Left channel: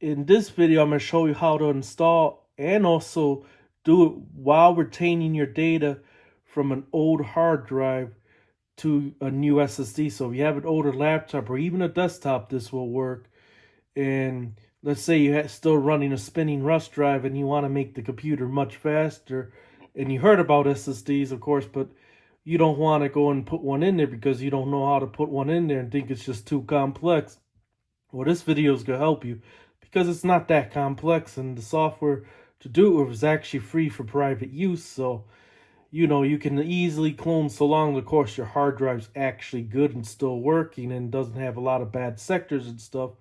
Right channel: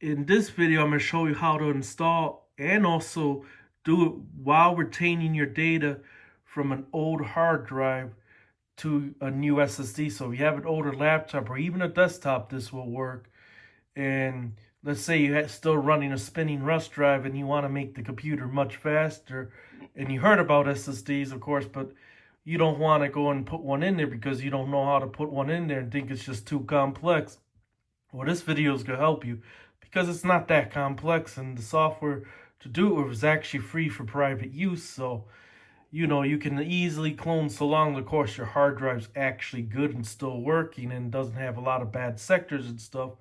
In this video, I'm going to show you how to install and also do it while retaining your data from an old hard drive to a new SSD. So if you have an older laptop or even a desktop, this will work. And let's say you're still running a spinning Rust drive and you want to make the computer much faster. And you heard about SSDs, of course, but you don't want to go and put one in there because you don't know how to put one in there and think it's just too complex. Well, this video is going to help you because it's not that complex, and the software to do it is actually free for private use. So, you can easily clone, so long, of course, your hard drive's actually good and still working and doesn't have a lot of bad sectors and stuff.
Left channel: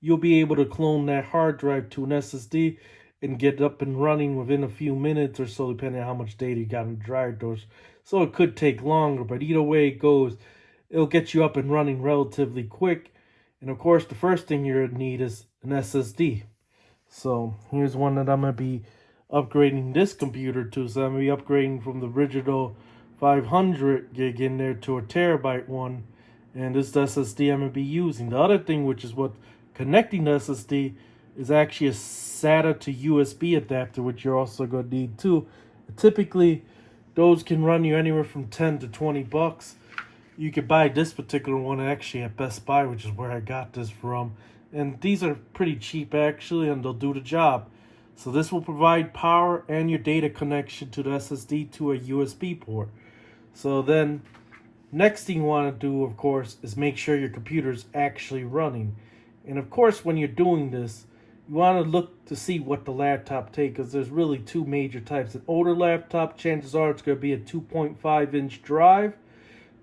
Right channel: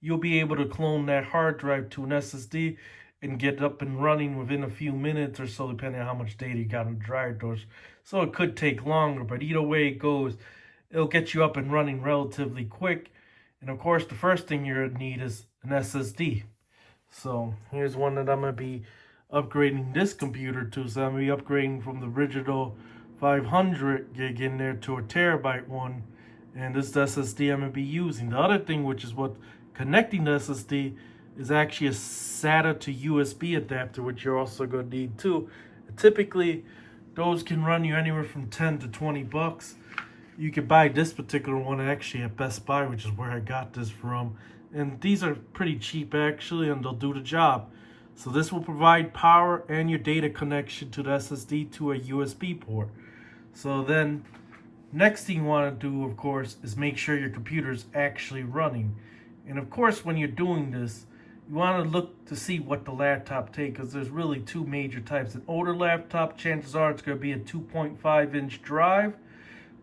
You'll be able to clone that hard drive to an SSD and get up and running within a few minutes or so, depending on how much data you got on the drive doors. So it could take longer, but either way it goes, it'll get you up and running relatively quick. And of course, the first thing you're going to need is an SSD. So here's one that I'm going to be upgrading this computer to. So I'm going to be upgrading from the original 500 gig in there to a terabyte one. And this SSD I'm going to be using. The other thing, which is what connecting the SSD, is actually a SATA to USB adapter, which you're also going to need too. Typically, those can run you anywhere from 10 to 20 bucks. You could buy this particular one actually at Best Buy, which is where I got this from. And these are pretty cheap actually, and they'll do the job. So this will provide power and your data connection to the SSD to a USB port. So then, next thing you want to do, of course, is make sure your computer is actually running. And of course, when you're doing this, you want to look to see what the laptop takes, because there's really two major types. An older laptop, chances are it's going to be a 2.5-inch drive.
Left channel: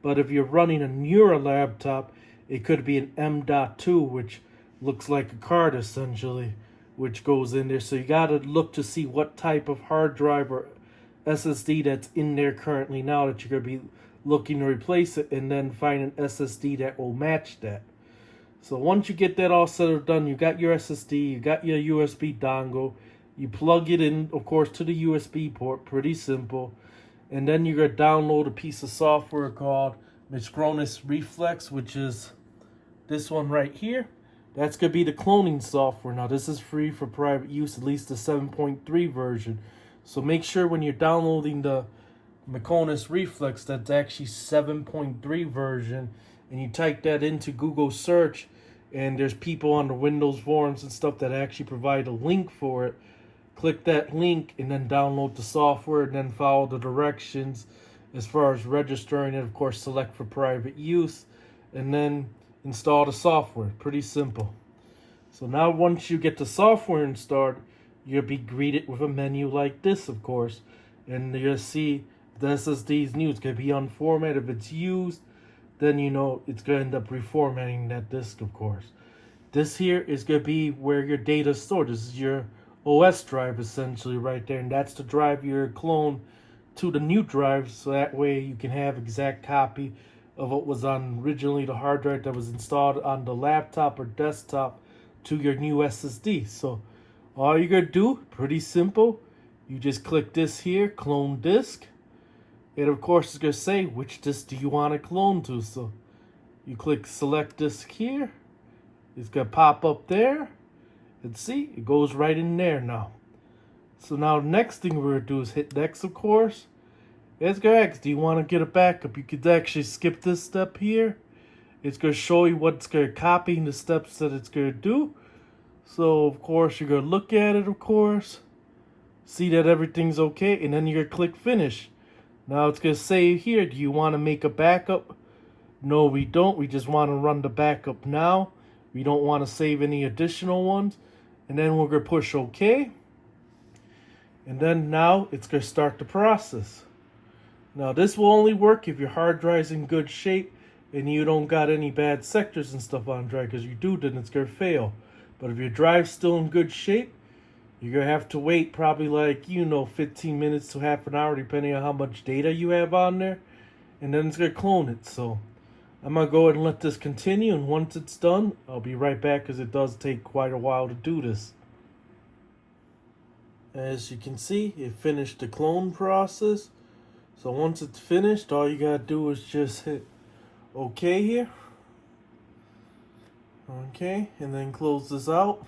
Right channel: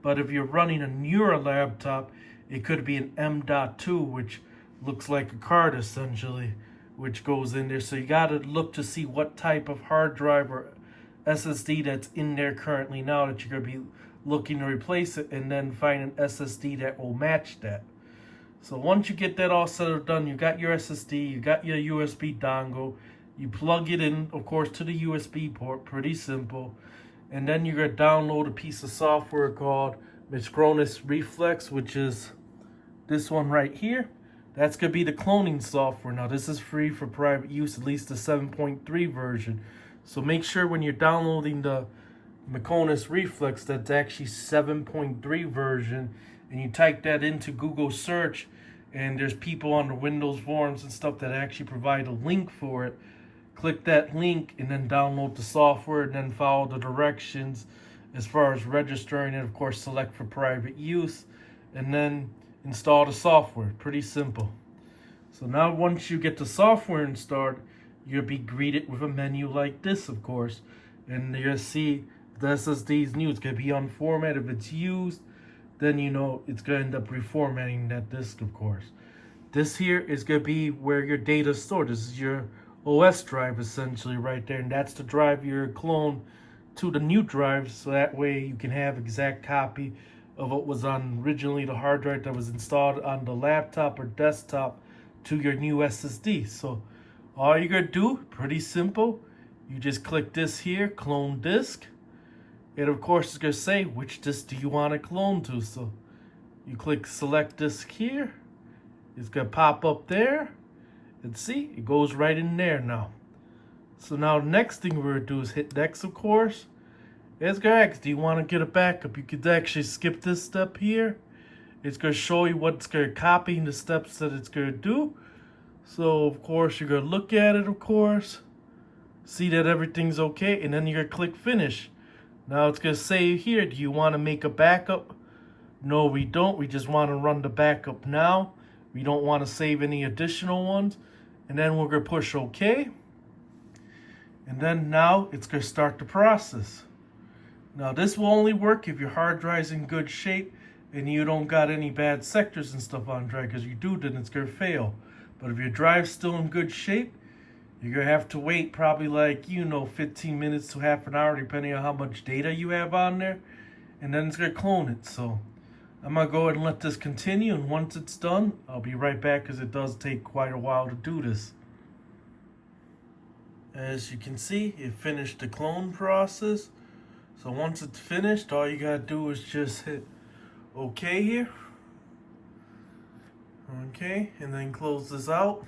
But if you're running a newer laptop, it could be an M.2, which looks like a card essentially, which goes in there. So you got to look to see what type of hard drive or SSD that's in there currently now that you're going to be looking to replace it, and then find an SSD that will match that. So once you get that all set up done, you got your SSD, you got your USB dongle, you plug it in, of course, to the USB port, pretty simple. And then you're going to download a piece of software called Micronis Reflex, which is this one right here. That's going to be the cloning software. Now, this is free for private use, at least the 7.3 version. So make sure when you're downloading the Micronis Reflex, that's actually 7.3 version. And you type that into Google search, and there's people on the Windows forums and stuff that actually provide a link for it. Click that link and then download the software, and then follow the directions as far as registering it. Of course, select for private use and then install the software. Pretty simple. So now once you get the software installed, you'll be greeted with a menu like this, of course. And you'll see the SSD is new. It's going to be on format. If it's used, then you know it's going to end up reformatting that disk, of course. This here is going to be where your data is stored. This is your OS drive essentially right there, and that's the drive you're clone to the new drive, so that way you can have exact copy of what was on originally the hard drive that was installed on the laptop or desktop to your new SSD. So all you're gonna do, pretty simple, you just click this here, clone disk, and of course it's gonna say which disk do you want to clone to. So you click select disk here, it's gonna pop up there. And see, it goes right in there now. So now the next thing we're going to do is hit next, of course. It's going to ask, do you want to get a backup? You could actually skip this step here. It's going to show you what's going to copy and the steps that it's going to do. So, of course, you're going to look at it, of course. See that everything's okay. And then you're going to click finish. Now it's going to say here, do you want to make a backup? No, we don't. We just want to run the backup now. We don't want to save any additional ones. And then we're going to push OK. And then now it's going to start the process. Now this will only work if your hard drive's in good shape and you don't got any bad sectors and stuff on drive, because you do, then it's going to fail. But if your drive's still in good shape, you're going to have to wait probably 15 minutes to half an hour, depending on how much data you have on there. And then it's going to clone it. So I'm going to go ahead and let this continue, and once it's done, I'll be right back, because it does take quite a while to do this. As you can see, it finished the clone process. So once it's finished, all you got to do is just hit OK here. Okay, and then close this out.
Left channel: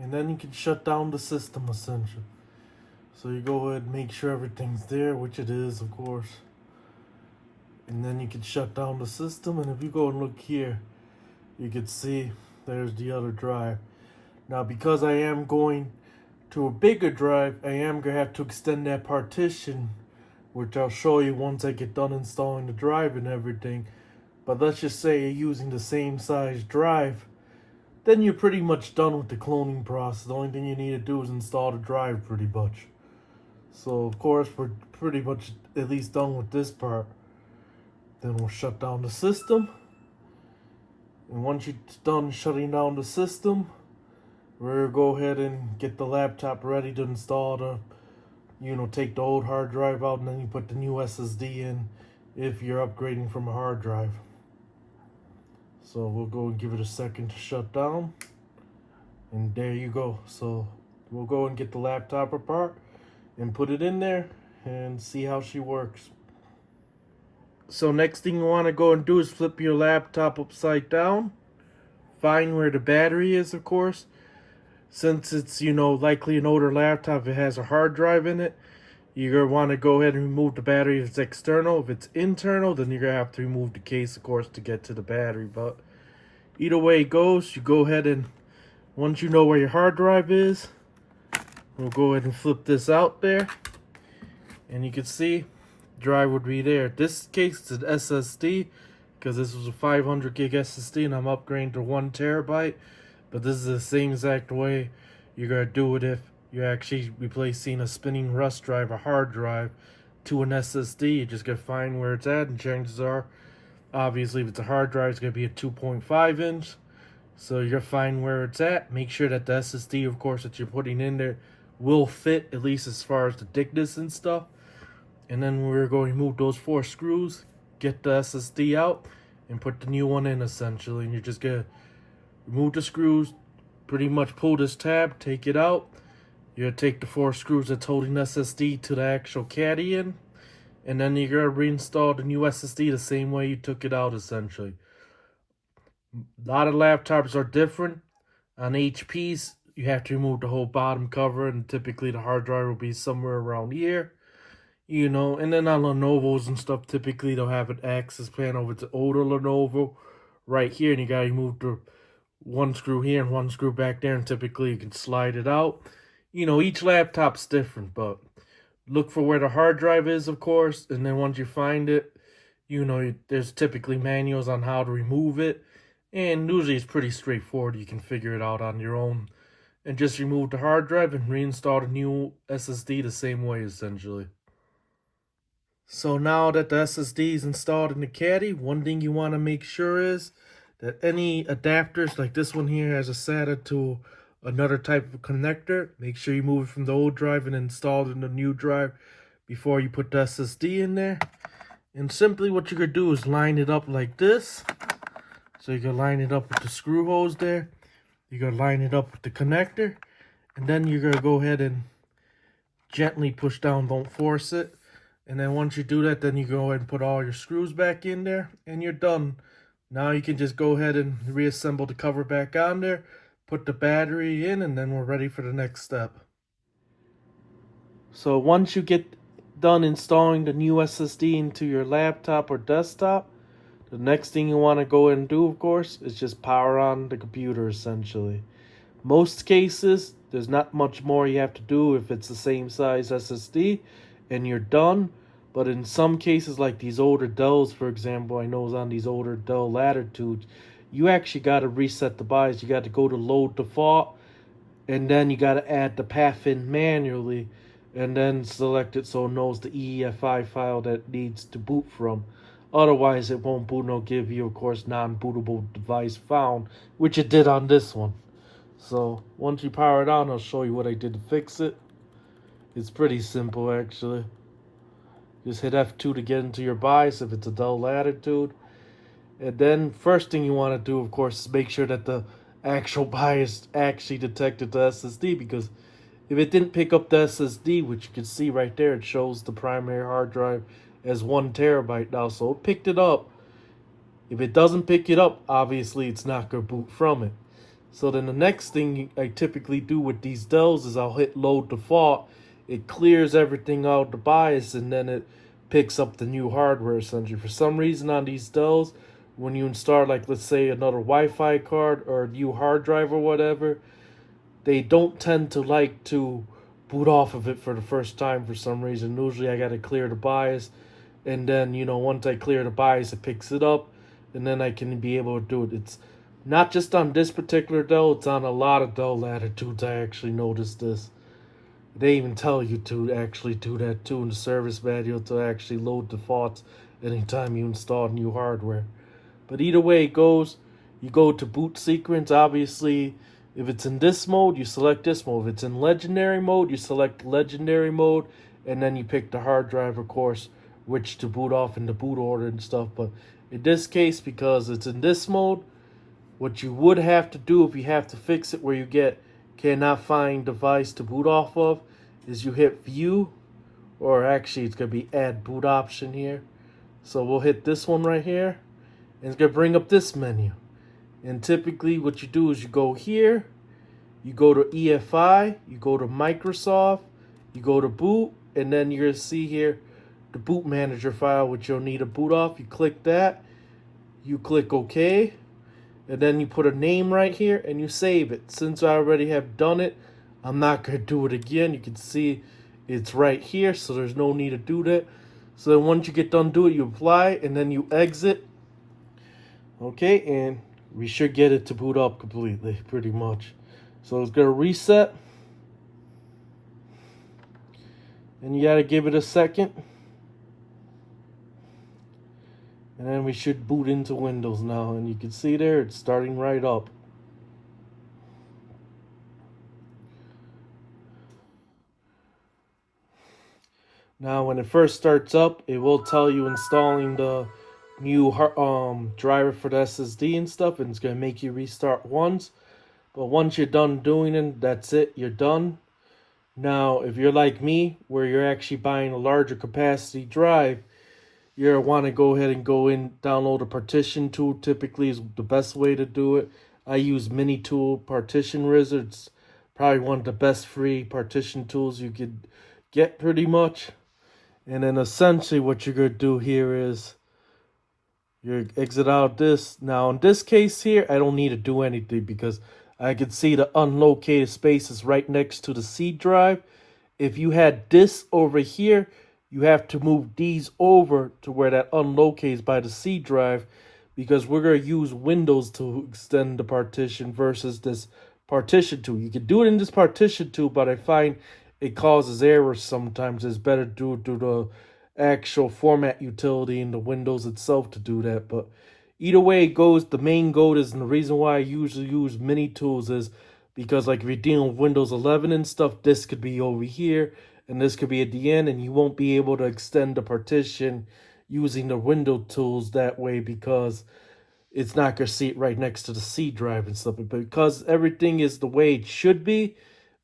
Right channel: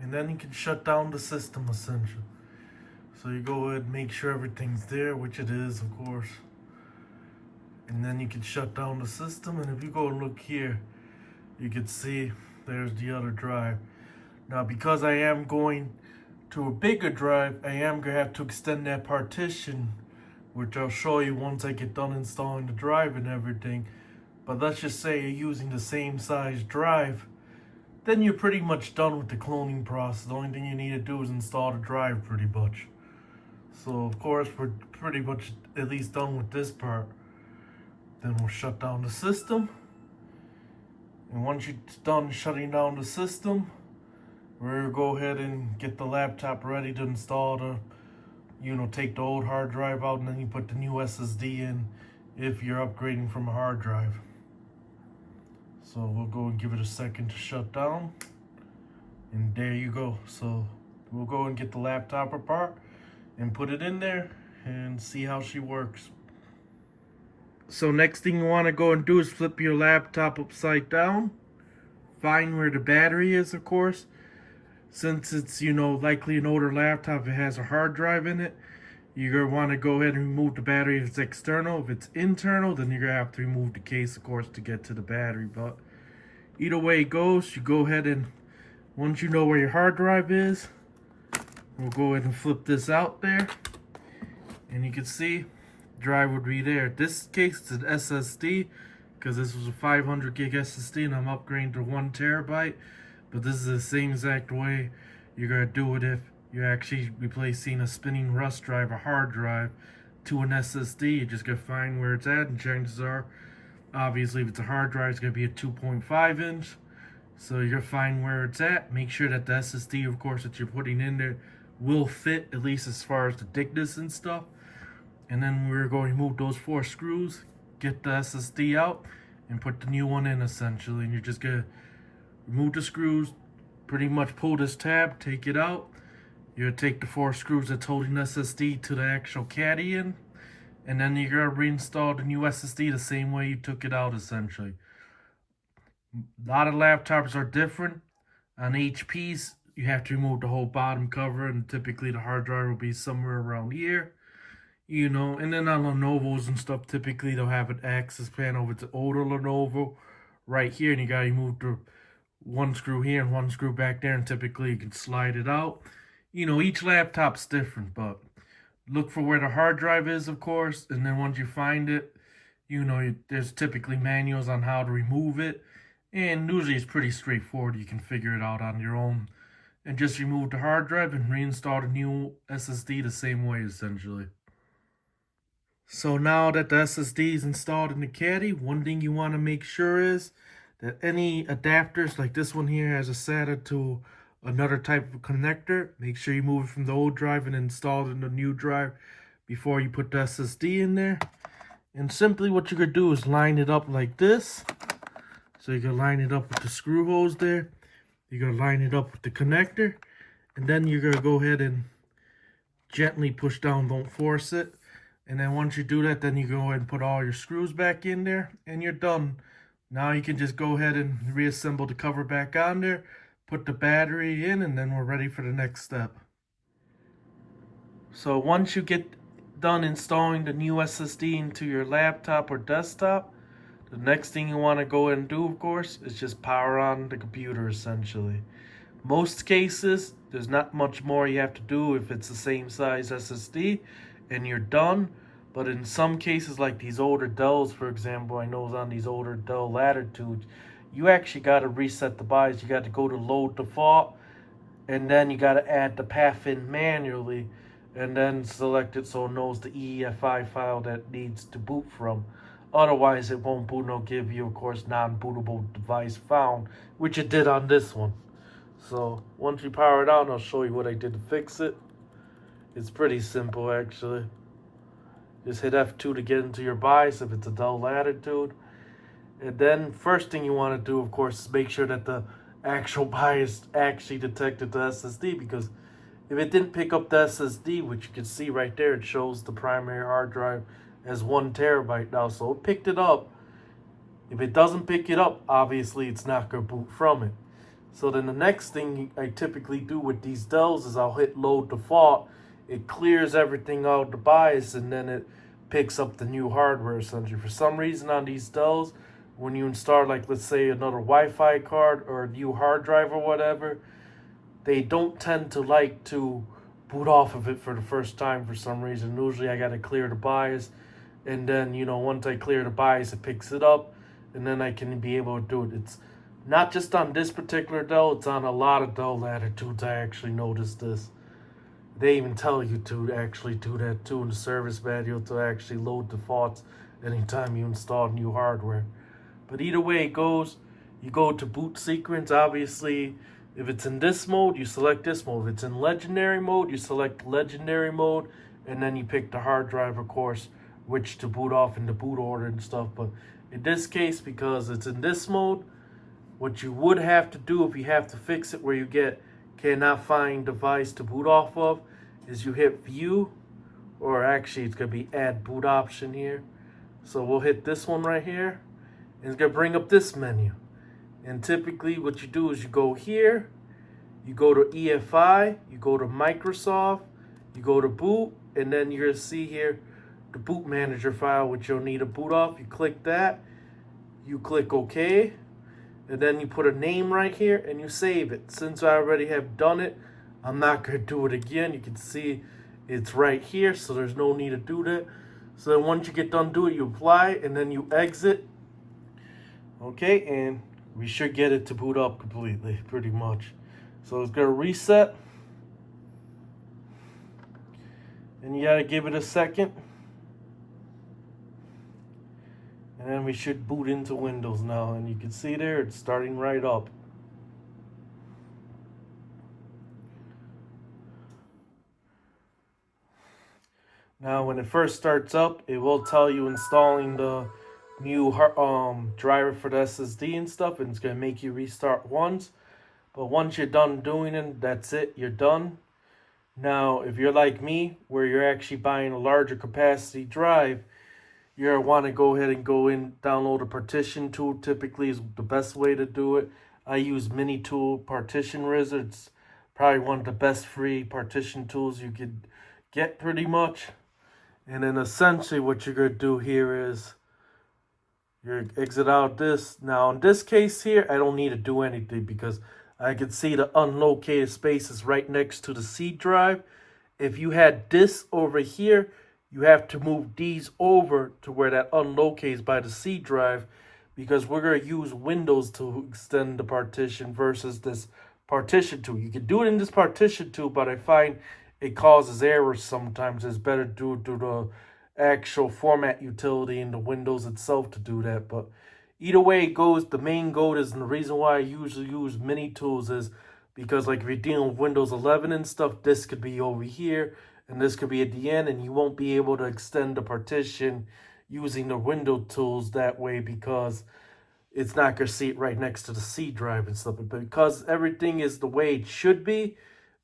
And then you can shut down the system essentially. So you go ahead and make sure everything's there, which it is, of course. And then you can shut down the system. And if you go and look here, you can see there's the other drive. Now, because I am going to a bigger drive, I am going to have to extend that partition, which I'll show you once I get done installing the drive and everything. But let's just say you're using the same size drive, then you're pretty much done with the cloning process. The only thing you need to do is install the drive pretty much. So of course we're pretty much at least done with this part. Then we'll shut down the system. And once you're done shutting down the system, we'll go ahead and get the laptop ready to install the, take the old hard drive out, and then you put the new SSD in if you're upgrading from a hard drive. So we'll go and give it a second to shut down. And there you go. So we'll go and get the laptop apart and put it in there and see how she works. So next thing you want to go and do is flip your laptop upside down. Find where the battery is, of course. Since it's, likely an older laptop, it has a hard drive in it. You're going to want to go ahead and remove the battery if it's external. If it's internal, then you're going to have to remove the case, of course, to get to the battery. But either way it goes, you go ahead and, once you know where your hard drive is, we'll go ahead and flip this out there. And you can see, drive would be there. This case is an SSD, because this was a 500 gig SSD and I'm upgrading to 1 terabyte. But this is the same exact way you're going to do it if you're actually replacing a spinning rust drive, a hard drive, to an SSD. You're just going to find where it's at, and chances are, obviously, if it's a hard drive, it's going to be a 2.5 inch. So you're going to find where it's at. Make sure that the SSD, of course, that you're putting in there will fit, at least as far as the thickness and stuff. And then we're going to remove those 4 screws, get the SSD out, and put the new one in, essentially. And you're just going to remove the screws, pretty much pull this tab, take it out. You're going to take the 4 screws that's holding SSD to the actual caddy in, and then you're going to reinstall the new SSD the same way you took it out, essentially. A lot of laptops are different. On HPs, you have to remove the whole bottom cover, and typically the hard drive will be somewhere around here. And then on Lenovo's and stuff, typically they'll have an access panel. If it's an older Lenovo, right here, and you got to remove the 1 screw here and 1 screw back there, and typically you can slide it out. Each laptop's different, but look for where the hard drive is, of course, and then once you find it, there's typically manuals on how to remove it, and usually it's pretty straightforward. You can figure it out on your own, and just remove the hard drive and reinstall the new SSD the same way, essentially. So now that the SSD is installed in the caddy, one thing you want to make sure is that any adapters, like this one here has a SATA to another type of connector, make sure you move it from the old drive and install it in the new drive before you put the SSD in there. And simply what you're going to do is line it up like this. So you're going to line it up with the screw holes there. You're going to line it up with the connector. And then you're going to go ahead and gently push down, don't force it. And then once you do that, then you go ahead and put all your screws back in there, and you're done. Now you can just go ahead and reassemble the cover back on there, put the battery in, and then we're ready for the next step. So once you get done installing the new SSD into your laptop or desktop, the next thing you want to go and do, of course, is just power on the computer, essentially. Most cases, there's not much more you have to do if it's the same size SSD, and you're done. But in some cases, like these older Dells, for example, I know on these older Dell Latitudes, you actually got to reset the BIOS. You got to go to load default, and then you got to add the path in manually, and then select it so it knows the EFI file that needs to boot from. Otherwise, it won't boot, and it'll give you, of course, non-bootable device found, which it did on this one. So once you power it on, I'll show you what I did to fix it. It's pretty simple, actually. Just hit F2 to get into your BIOS if it's a Dell Latitude. And then first thing you want to do, of course, is make sure that the actual BIOS actually detected the SSD, because if it didn't pick up the SSD, which you can see right there, it shows the primary hard drive as 1 terabyte now, so it picked it up. If it doesn't pick it up, obviously it's not going to boot from it. So then the next thing I typically do with these Dells is I'll hit load default. It clears everything out of the BIOS, and then it picks up the new hardware essentially. For some reason on these Dells, when you install, like, let's say another Wi-Fi card or a new hard drive or whatever, they don't tend to like to boot off of it for the first time for some reason. Usually I gotta clear the BIOS, and then, once I clear the BIOS, it picks it up, and then I can be able to do it. It's not just on this particular Dell, it's on a lot of Dell Latitudes. I actually noticed this. They even tell you to actually do that too in the service manual, to actually load defaults anytime you install new hardware. But either way it goes, you go to boot sequence. Obviously, if it's in this mode, you select this mode. If it's in legendary mode, you select legendary mode, and then you pick the hard drive, of course, which to boot off in the boot order and stuff. But in this case, because it's in this mode, what you would have to do if you have to fix it where you cannot find device to boot off of, is you hit view, or actually it's going to be add boot option here. So we'll hit this one right here, and it's going to bring up this menu. And typically what you do is you go here, you go to EFI, you go to Microsoft, you go to boot, and then you're going to see here the boot manager file, which you'll need to boot off. You click that, you click OK, and then you put a name right here and you save it. Since I already have done it, I'm not going to do it again. You can see it's right here, so there's no need to do that. So then once you get done doing it, you apply, and then you exit. Okay, and we should get it to boot up completely, pretty much. So it's going to reset. And you got to give it a second. And then we should boot into Windows now. And you can see there, it's starting right up. Now, when it first starts up, it will tell you installing the new driver for the SSD and stuff, and it's going to make you restart once. But once you're done doing it, that's it, you're done. Now, if you're like me, where you're actually buying a larger capacity drive, you want to go ahead and go in, download a partition tool. Typically is the best way to do it. I use Mini Tool Partition Wizard. It's probably one of the best free partition tools you could get, pretty much. And then essentially what you're going to do here is you exit out of this. Now in this case here, I don't need to do anything because I can see the unlocated space is right next to the C drive. If you had this over here, you have to move these over to where that unlocates by the C drive, because we're going to use Windows to extend the partition versus this partition tool. You can do it in this partition tool, but I find it causes errors sometimes. It's better to do the actual format utility in the Windows itself to do that. But either way it goes, the main goal is, and the reason why I usually use Mini Tools is because, like, if you're dealing with Windows 11 and stuff, this could be over here and this could be at the end, and you won't be able to extend the partition using the window tools that way because it's not going to see it right next to the C drive and stuff. But because everything is the way it should be,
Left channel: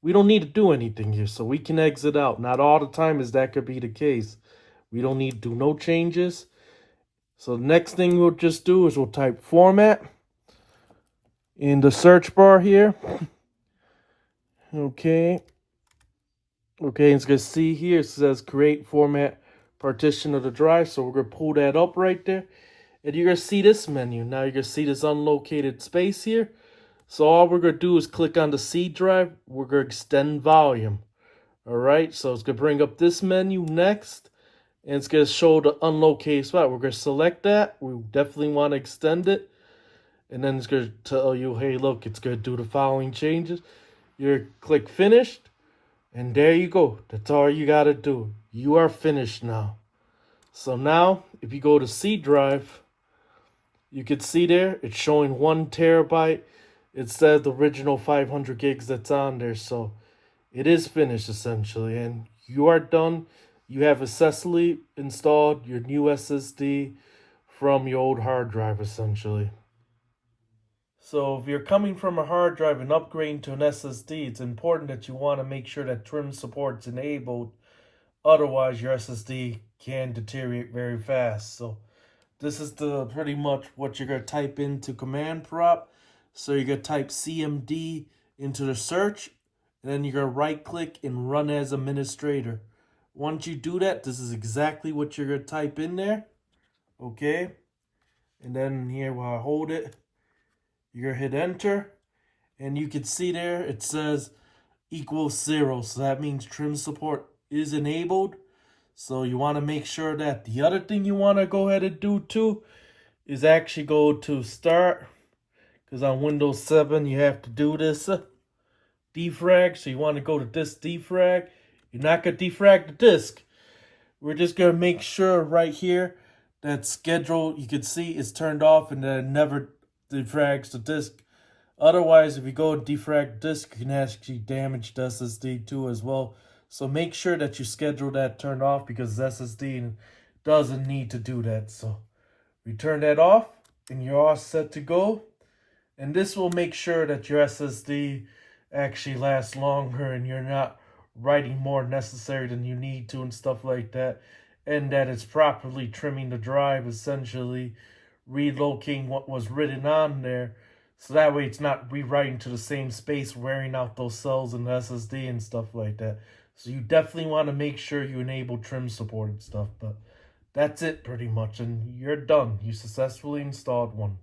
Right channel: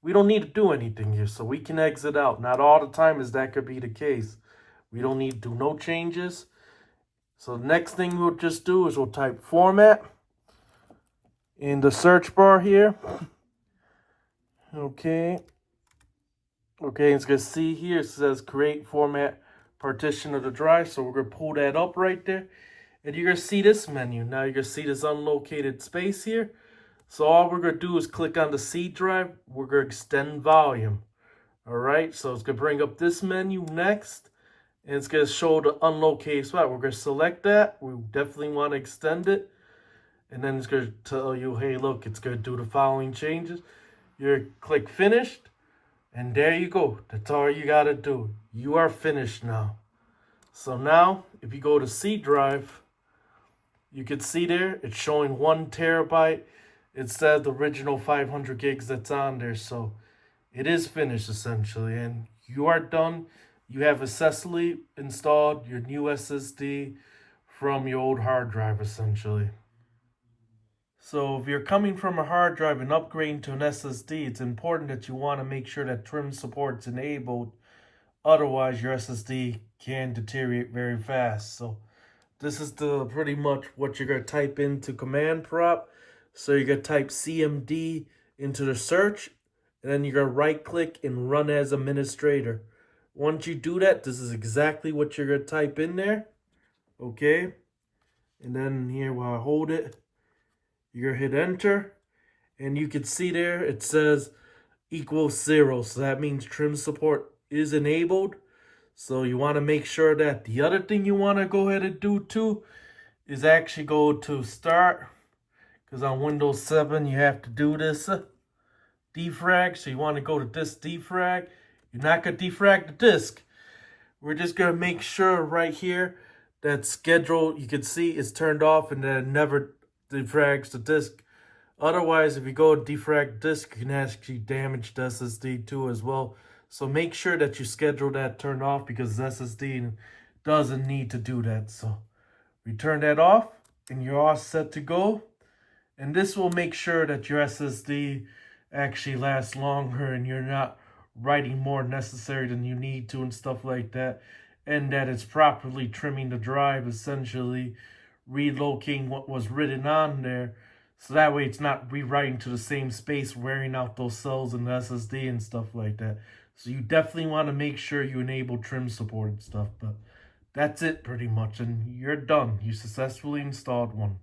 we don't need to do anything here, so we can exit out. Not all the time is that could be the case. We don't need to do no changes. So the next thing we'll just do is we'll type format in the search bar here. Okay, it's going to see here, it says create format partition of the drive. So we're going to pull that up right there. And you're going to see this menu. Now you're going to see this unlocated space here. So all we're going to do is click on the C drive. We're going to extend volume. All right, so it's going to bring up this menu next. And it's going to show the unlocated spot. We're going to select that. We definitely want to extend it. And then it's going to tell you, hey, look, it's going to do the following changes. You click finished. And there you go. That's all you got to do. You are finished now. So now, if you go to C drive, you can see there, it's showing 1 terabyte instead of the original 500 gigs that's on there. So it is finished essentially, and you are done. You have successfully installed your new SSD from your old hard drive essentially. So if you're coming from a hard drive and upgrading to an SSD, it's important that you want to make sure that trim support's enabled. Otherwise, your SSD can deteriorate very fast. So this is pretty much what you're going to type into command prompt. So you're going to type CMD into the search, and then you're going to right click and run as administrator. Once you do that, this is exactly what you're going to type in there. Okay. And then here while I hold it, you're going to hit enter. And you can see there it says equals 0. So that means trim support is enabled. So you want to make sure that. The other thing you want to go ahead and do too is actually go to start. Because on Windows 7 you have to do this defrag. So you want to go to this defrag. You're not going to defrag the disk. We're just going to make sure right here that schedule, you can see, is turned off and then it never defrags the disk. Otherwise, if you go defrag disk, you can actually damage the SSD too as well. So make sure that you schedule that turned off because the SSD doesn't need to do that. So we turn that off and you're all set to go. And this will make sure that your SSD actually lasts longer and you're not writing more necessary than you need to and stuff like that. And that it's properly trimming the drive, essentially relocating what was written on there. So that way it's not rewriting to the same space, wearing out those cells in the SSD and stuff like that. So you definitely want to make sure you enable trim support and stuff. But that's it pretty much. And you're done. You successfully installed one.